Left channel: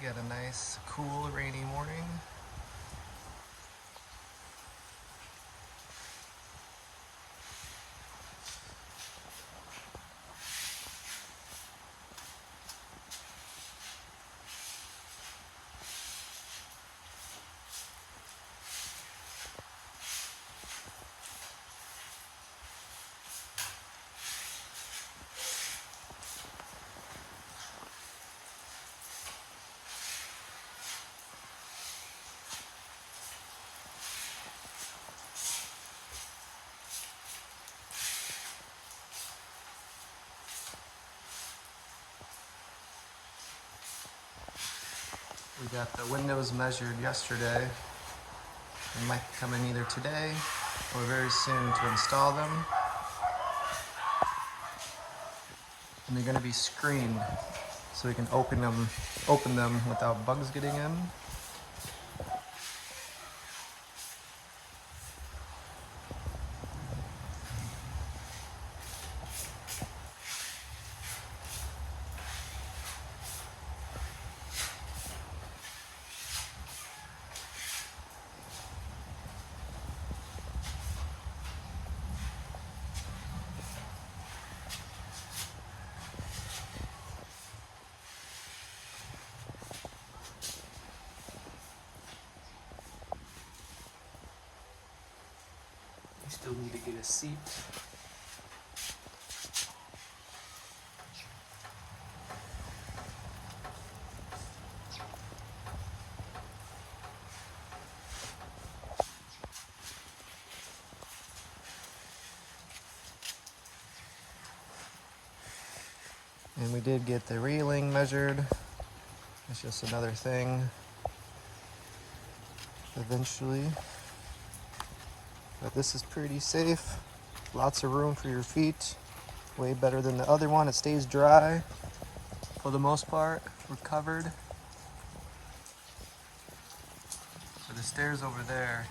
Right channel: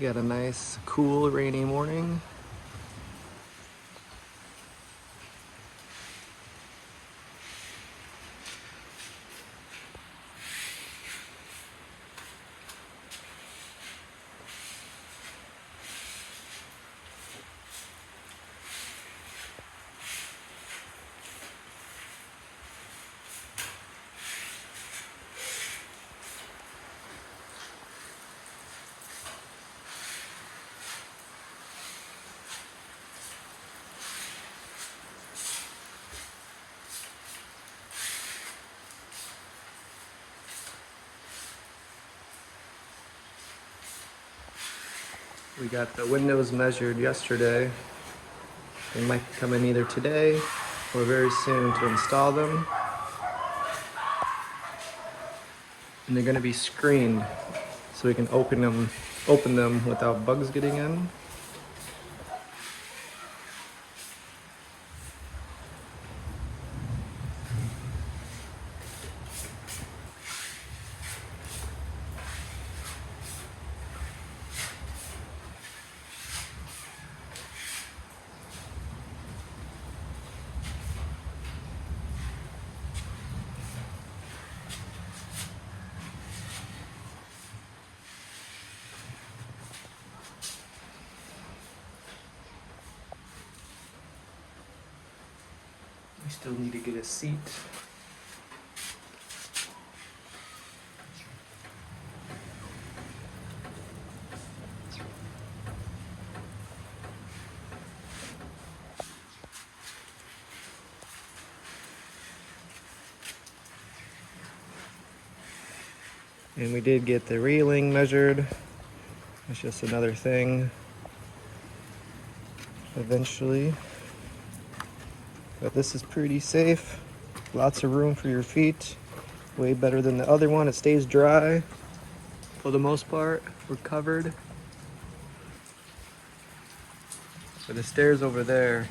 Got a nice, cool, rainy morning. We got the windows measured yesterday. They might come in either today or very soon to install them. And they're gonna be screened so we can open them without bugs getting in. I still need to get a seat. And we did get the railing measured. It's just another thing eventually. But this is pretty safe. Lots of room for your feet. Way better than the other one. It stays dry. For the most part, we're covered. For the stairs over there,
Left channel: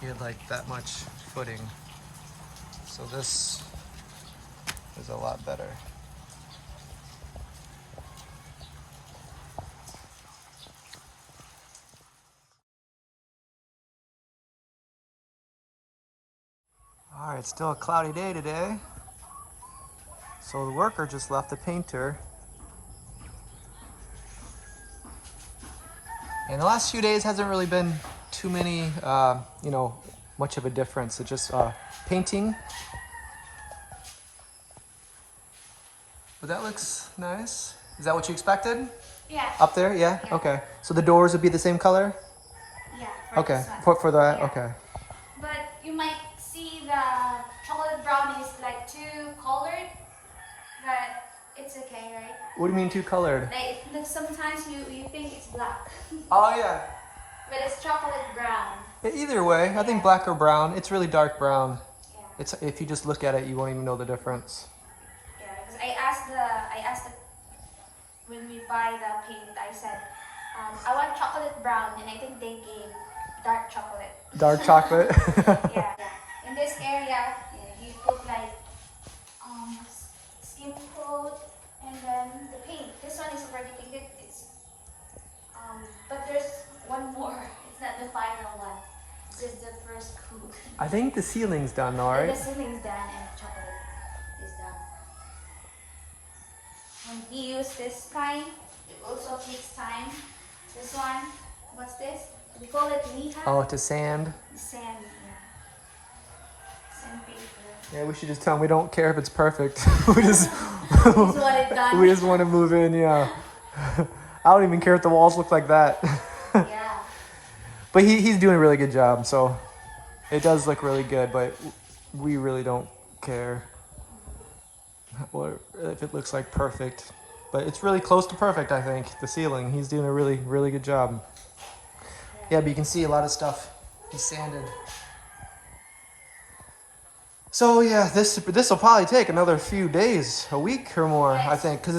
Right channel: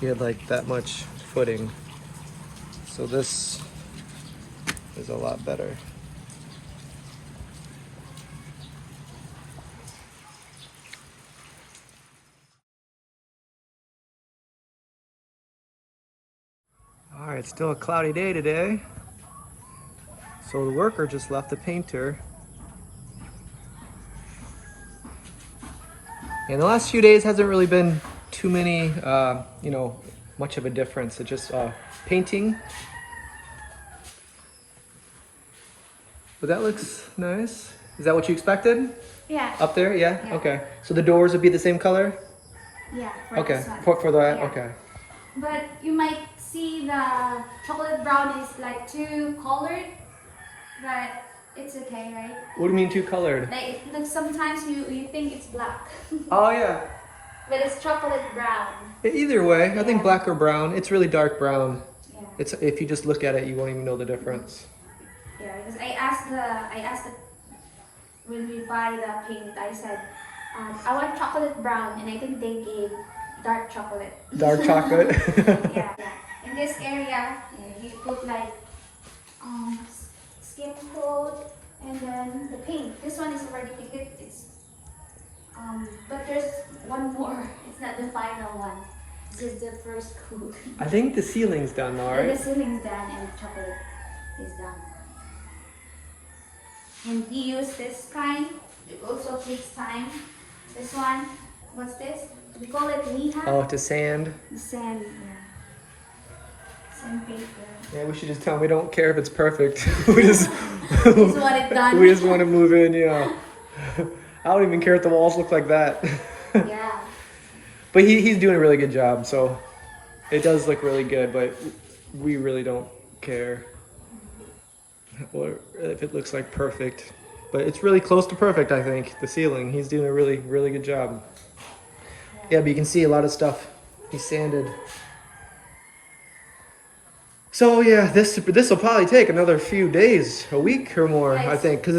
you had like that much footing. So this is a lot better. All right, it's still a cloudy day today. So the worker just left the painter. And the last few days hasn't really been too many, much of a difference. It's just painting. But that looks nice. Is that what you expected? Yeah. Up there, yeah? Okay. So the doors would be the same color? Yeah. Okay, for the, yeah. Okay. But you might see the chocolate brown is like too colored, but it's okay, right? What do you mean too colored? Like sometimes you think it's black. Oh yeah. But it's chocolate brown. Either way, I think black or brown. It's really dark brown. Yeah. It's if you just look at it, you won't even know the difference. Yeah, because I asked the when we buy the paint, I said I want chocolate brown, and I think they gave dark chocolate. Dark chocolate. Yeah. In this area, you put like skin coat and then the paint. This one is already painted. It's but there's one more. It's not the final one. This is the first coat. I think the ceiling's done, all right? The ceiling's done and the chocolate is done. And we use this kind. It also takes time. This one, what's this? We call it Liha. Oh, to sand. Sand, sandpaper. Yeah, we should just tell them we don't care if it's perfect. we just want it done. We just want to move in, yeah. I don't even care if the walls look like that. Yeah. But he's doing a really good job, so it does look really good, but we really don't care if it looks like perfect. But it's really close to perfect, I think, the ceiling. He's doing a really, really good job. Yeah, but you can see a lot of stuff he sanded. So yeah, this will probably take another few days, a week or more, I think, because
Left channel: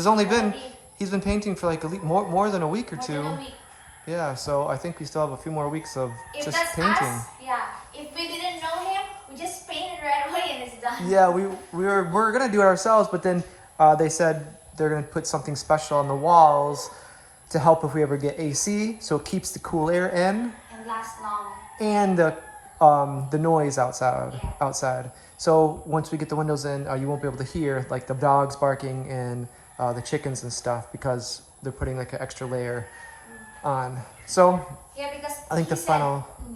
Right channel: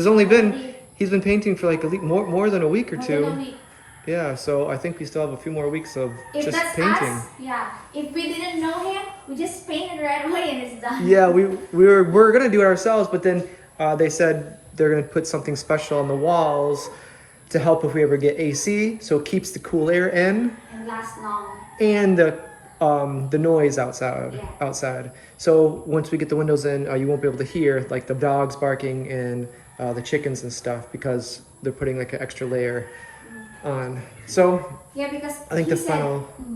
he's been painting for like more than a week or two. Yeah, so I think we still have a few more weeks of just painting. Us, yeah. If we didn't know him, we just painted right away and it's done. Yeah, we're gonna do it ourselves, but then they said they're gonna put something special on the walls to help if we ever get AC, so it keeps the cool air in And last long. and the noise outside. Yeah. Outside. So once we get the windows in, you won't be able to hear like the dogs barking and the chickens and stuff because they're putting like an extra layer on. So Yeah, because I think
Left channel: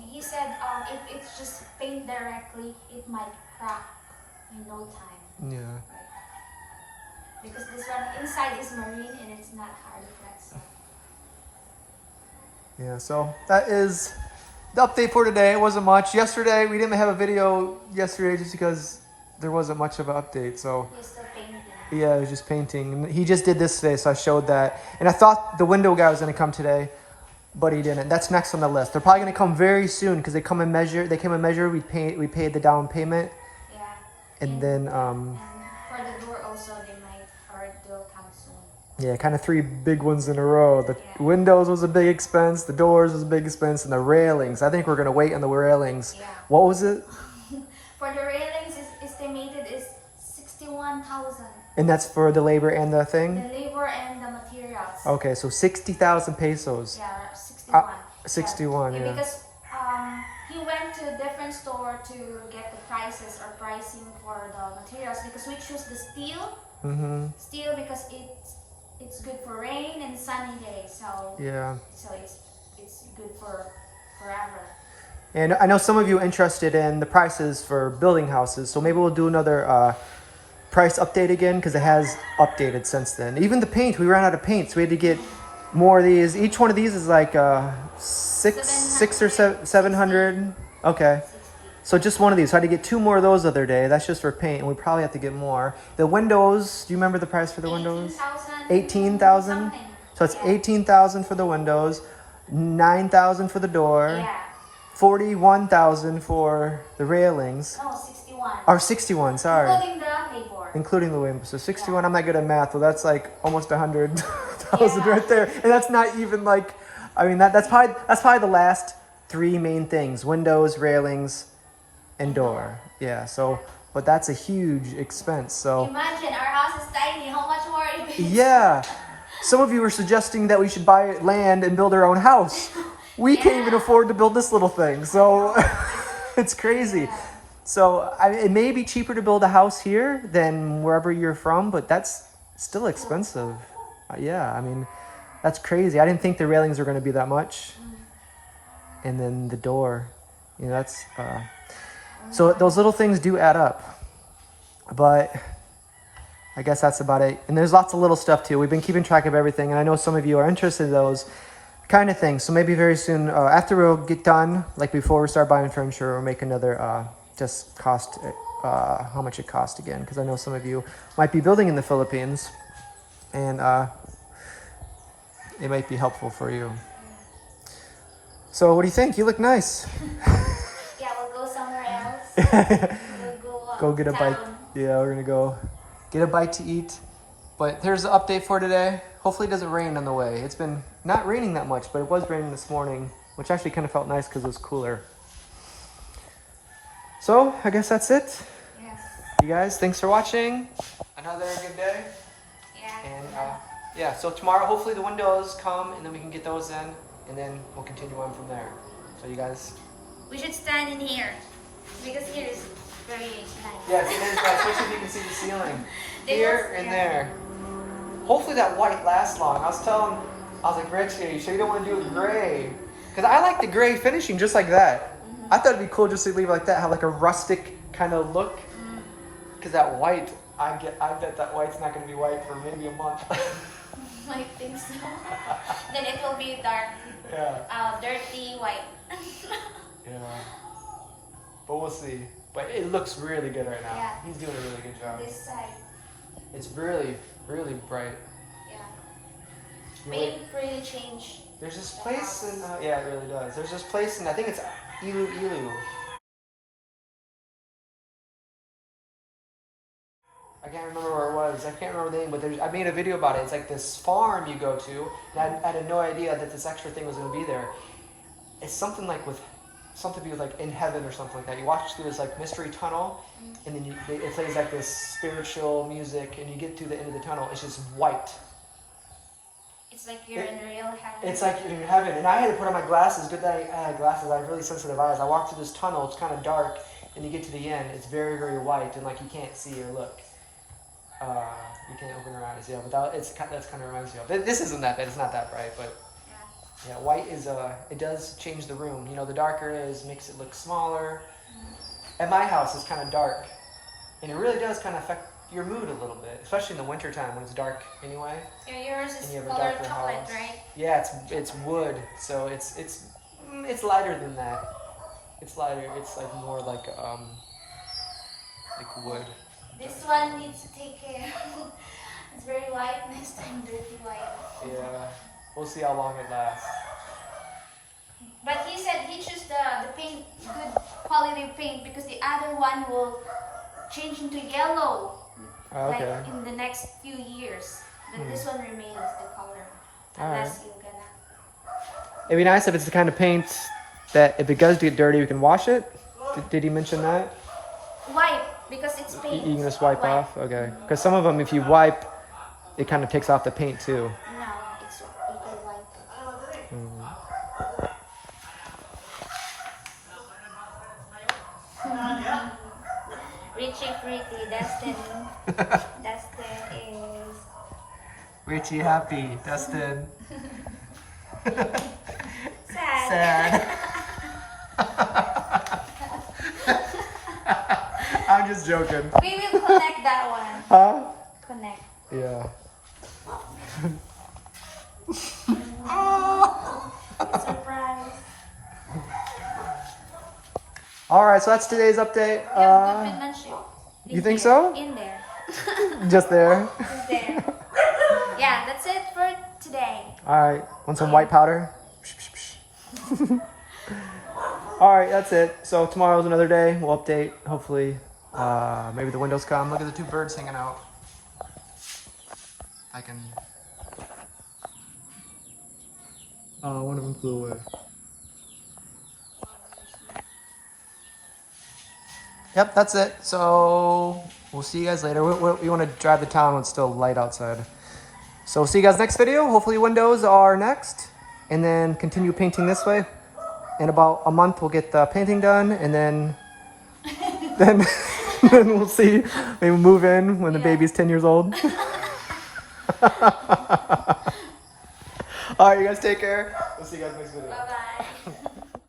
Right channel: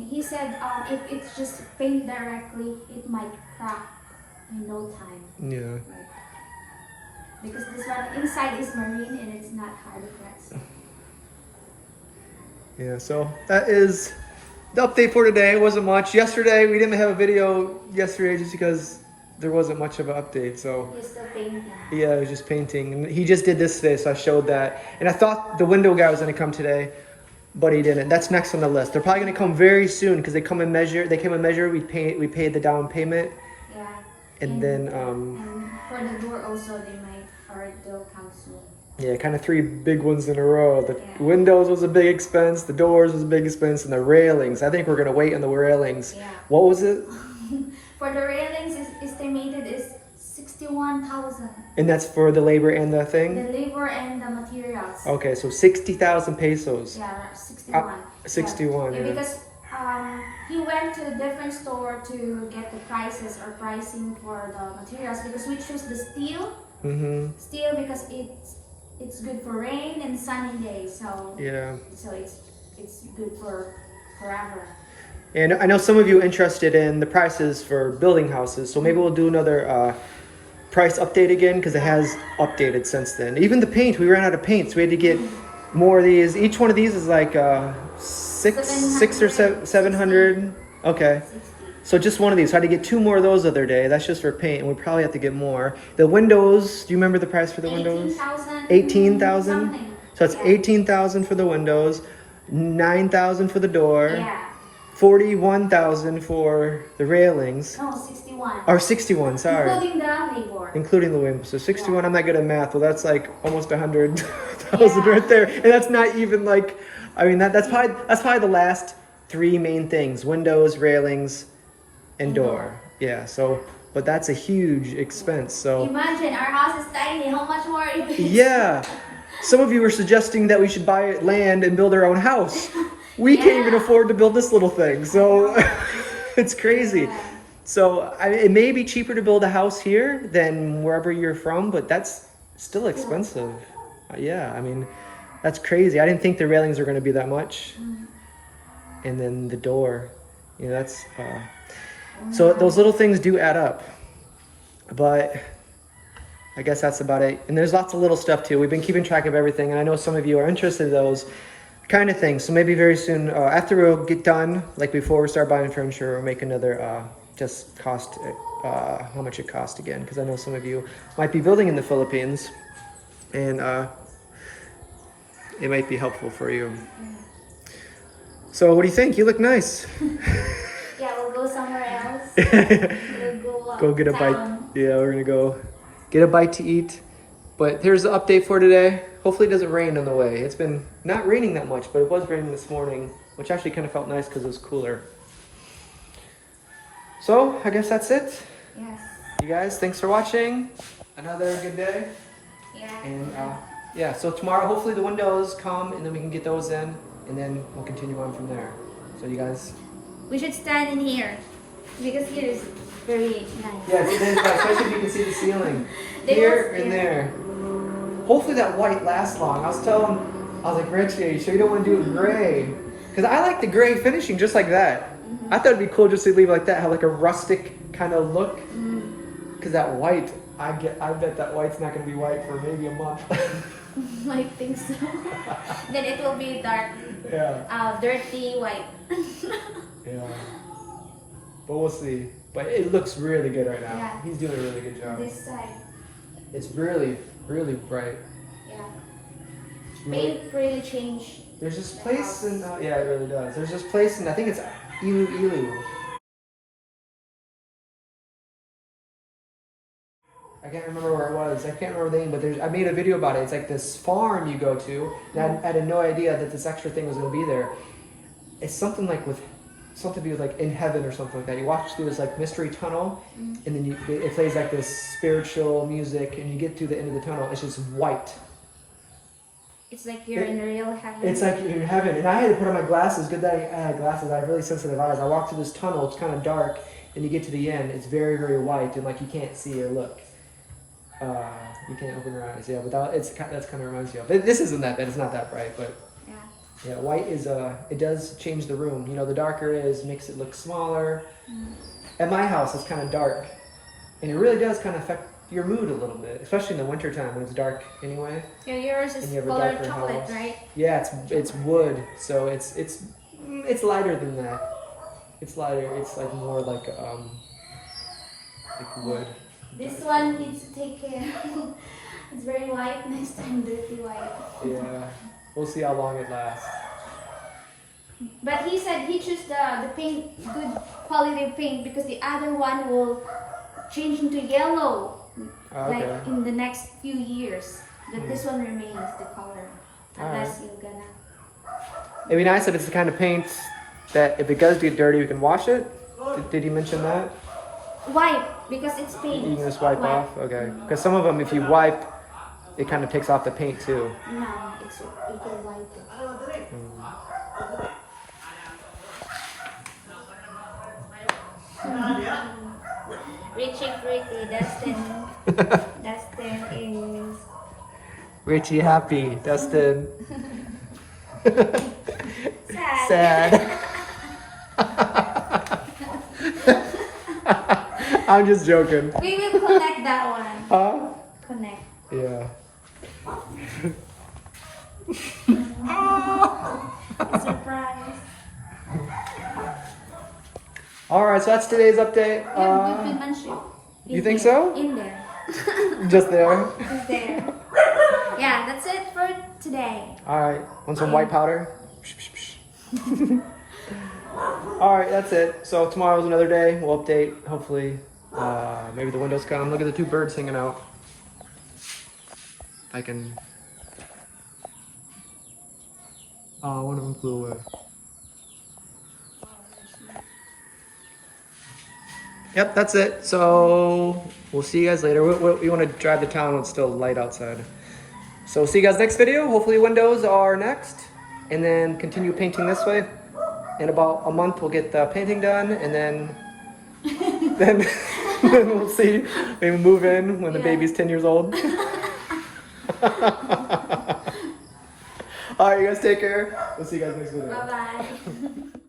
he said if it's just paint directly, it might crack in no time. yeah. Because this one inside is marine and it's not hard pressed. Yeah, so that is the update for today. It wasn't much. Yesterday, we didn't have a video yesterday just because there wasn't much of an update. So He's still painting. yeah, it was just painting. And he just did this today, so I showed that. And I thought the window guy was going to come today, but he didn't. That's next on the list. They're probably going to come very soon because they come and measure. They came and measure. We paid the down payment, Yeah. and then And for the door also, they might, or they'll come soon. yeah, kind of 3 big ones in a row. The windows was a big expense. The doors was a big expense, and the railings. I think we're going to wait on the railings. Yeah. What was it? For the railings, is estimated is 61,000. And that's for the labor and the thing? The labor and the materials. Okay, so 60,000 pesos. Yeah, 61. 61, yeah. Because he went to a different store to get the prices or pricing for the materials because we choose the steel. Mm-hmm. Steel because it's good for rain and sunny days. So Yeah. so it's good for forever. And I know some of you are interested in the prices for building houses, so maybe we'll do another price update again because it has updated since then. Even the paint, we ran out of paint, so we had to get more of these. Each one of these is like six or 700. Okay. 60. So just one of these. So I had to get 2 more of those the other day. That's just for paint, and we probably have to get more. The windows, do you remember the price for the windows? 18,000. Something. So it's Yeah. 18,000 for the windows, 9,000 for the door, Yeah. 41,000 for the railings, No, 61. or 61, sorry, Including the labor. including the windows. So 61, I'm not good at math, well that's like almost 100,000 Yeah. right there. And that's not even like, I mean, that's probably the last 3 main things: windows, railings, and door. Yeah, so, but that's a huge expense, so. Imagine our house is tiny. How much more it is? Yeah. Some of you were suggesting that we should buy land and build our own house. We can't even afford to build this little thing, so it's crazy. Yeah. So it may be cheaper to build a house here than wherever you're from, but that's still expensive. Yeah, I mean, that's crazy. I didn't think the railings were going to be that much. And then the door, you know, that's... So those little things do add up. But I guess that's about it. And there's lots of little stuff too. We've been keeping track of everything, and I know some of you are interested in those kind of things. So maybe very soon, after we'll get done, like before we start buying furniture, we'll make another just cost, how much it cost again, because I know some of you might be building in the Philippines, and it might be helpful for you. So what do you think? You look nice. Yeah, we'll go somewhere else. We'll Go get a bite. town. Yeah, we're gonna go get a bite to eat. But here's the update for today. Hopefully it doesn't rain on the way. It's been not raining that much, but it was raining this morning, which actually kind of felt nice because it was cooler. So I guess that's it. Yes. You guys, thanks for watching. Another good day. Yeah. And yeah, so tomorrow hopefully the windows come and then we can get those in and then we'll continue on from there. So you guys. We should stand in here because here is very nice. Yeah, it is, especially if you can see the ceiling. They Here will- and yeah. there. Hopefully that white lasts long. I was like, Richie, so you don't want to do it gray? Because I like the gray finishing just like that. I thought it'd be cool just to leave it like that, have like a rustic kind of look. Because that white, I bet that white's not going to be white for maybe a month. I think so. Then it will be dark, Yeah. dirty white. Yeah. But we'll see. But it looks really good right now. Yeah. He's doing a really good job. This side. It's really, really bright. Yeah. Paint really changed. There's this The place house. in, yeah, it really does. There's this place in, I think it's Iloilo. I can't remember where it was. I can't remember the name, but I made a video about it. It's like this farm you go to. And I had no idea that this extra thing was going to be there. It's something like with something to do with like in heaven or something like that. You walk through this like mystery tunnel, and then it plays like this spiritual music, and you get to the end of the tunnel. It's just white. It's like you're in the real heaven. It's like you're in heaven. And I had to put on my glasses. Good that I had glasses. I have really sensitive eyes. I walked through this tunnel. It's kind of dark, and you get to the end. It's very, very white, and like you can't see or look. You can't open your eyes. Yeah, but that's kind of reminds you of. This isn't that bad. It's not that bright, but. Yeah, white is it does change the room. You know, the darker it is, makes it look smaller. At my house, it's kind of dark, and it really does kind of affect your mood a little bit, especially in the winter time when it's dark anyway. Yeah, yours is color chocolate, right? Yeah, it's wood, so it's lighter than that. It's lighter. It's like more like wood. This one needs to take care. It's very white. Next time, dirty white. Yeah. We'll see how long it lasts. But he said he chose the paint, good quality paint, because the other one will change into yellow, like in the next few years. But this one remains the color, unless you're gonna. It'd be nice if it's the kind of paint that if it does get dirty, you can wash it. Did he mention that? Wipe, because it's paint. You can just wipe off? Okay. Because some of them, if you wipe, it kind of takes off the paint too. No, you can wipe it. Richie pretty, Dustin. Dustin is... Richie happy, Dustin. Sad. I'm just joking. We will connect that one. Huh? Connect. Yeah. Surprise. Alright, so that's today's update. You think so? In there. Just there? Just there. Yeah, that's it for today. Alright, want some white powder? Alright, that's it. So tomorrow's another day. We'll update, hopefully. Maybe the windows come. Look at the two birds hanging out. I can... one of them flew away. Yep, that's it. So we'll see you guys later. We want to drive to town when it's still light outside. So we'll see you guys next video. Hopefully windows are next. And then continue painting this way. In about a month we'll get the painting done, and then then we'll see. Maybe we'll move in when the baby's 10 years old. Alright, you guys take care. We'll see you guys next video. Bye-bye.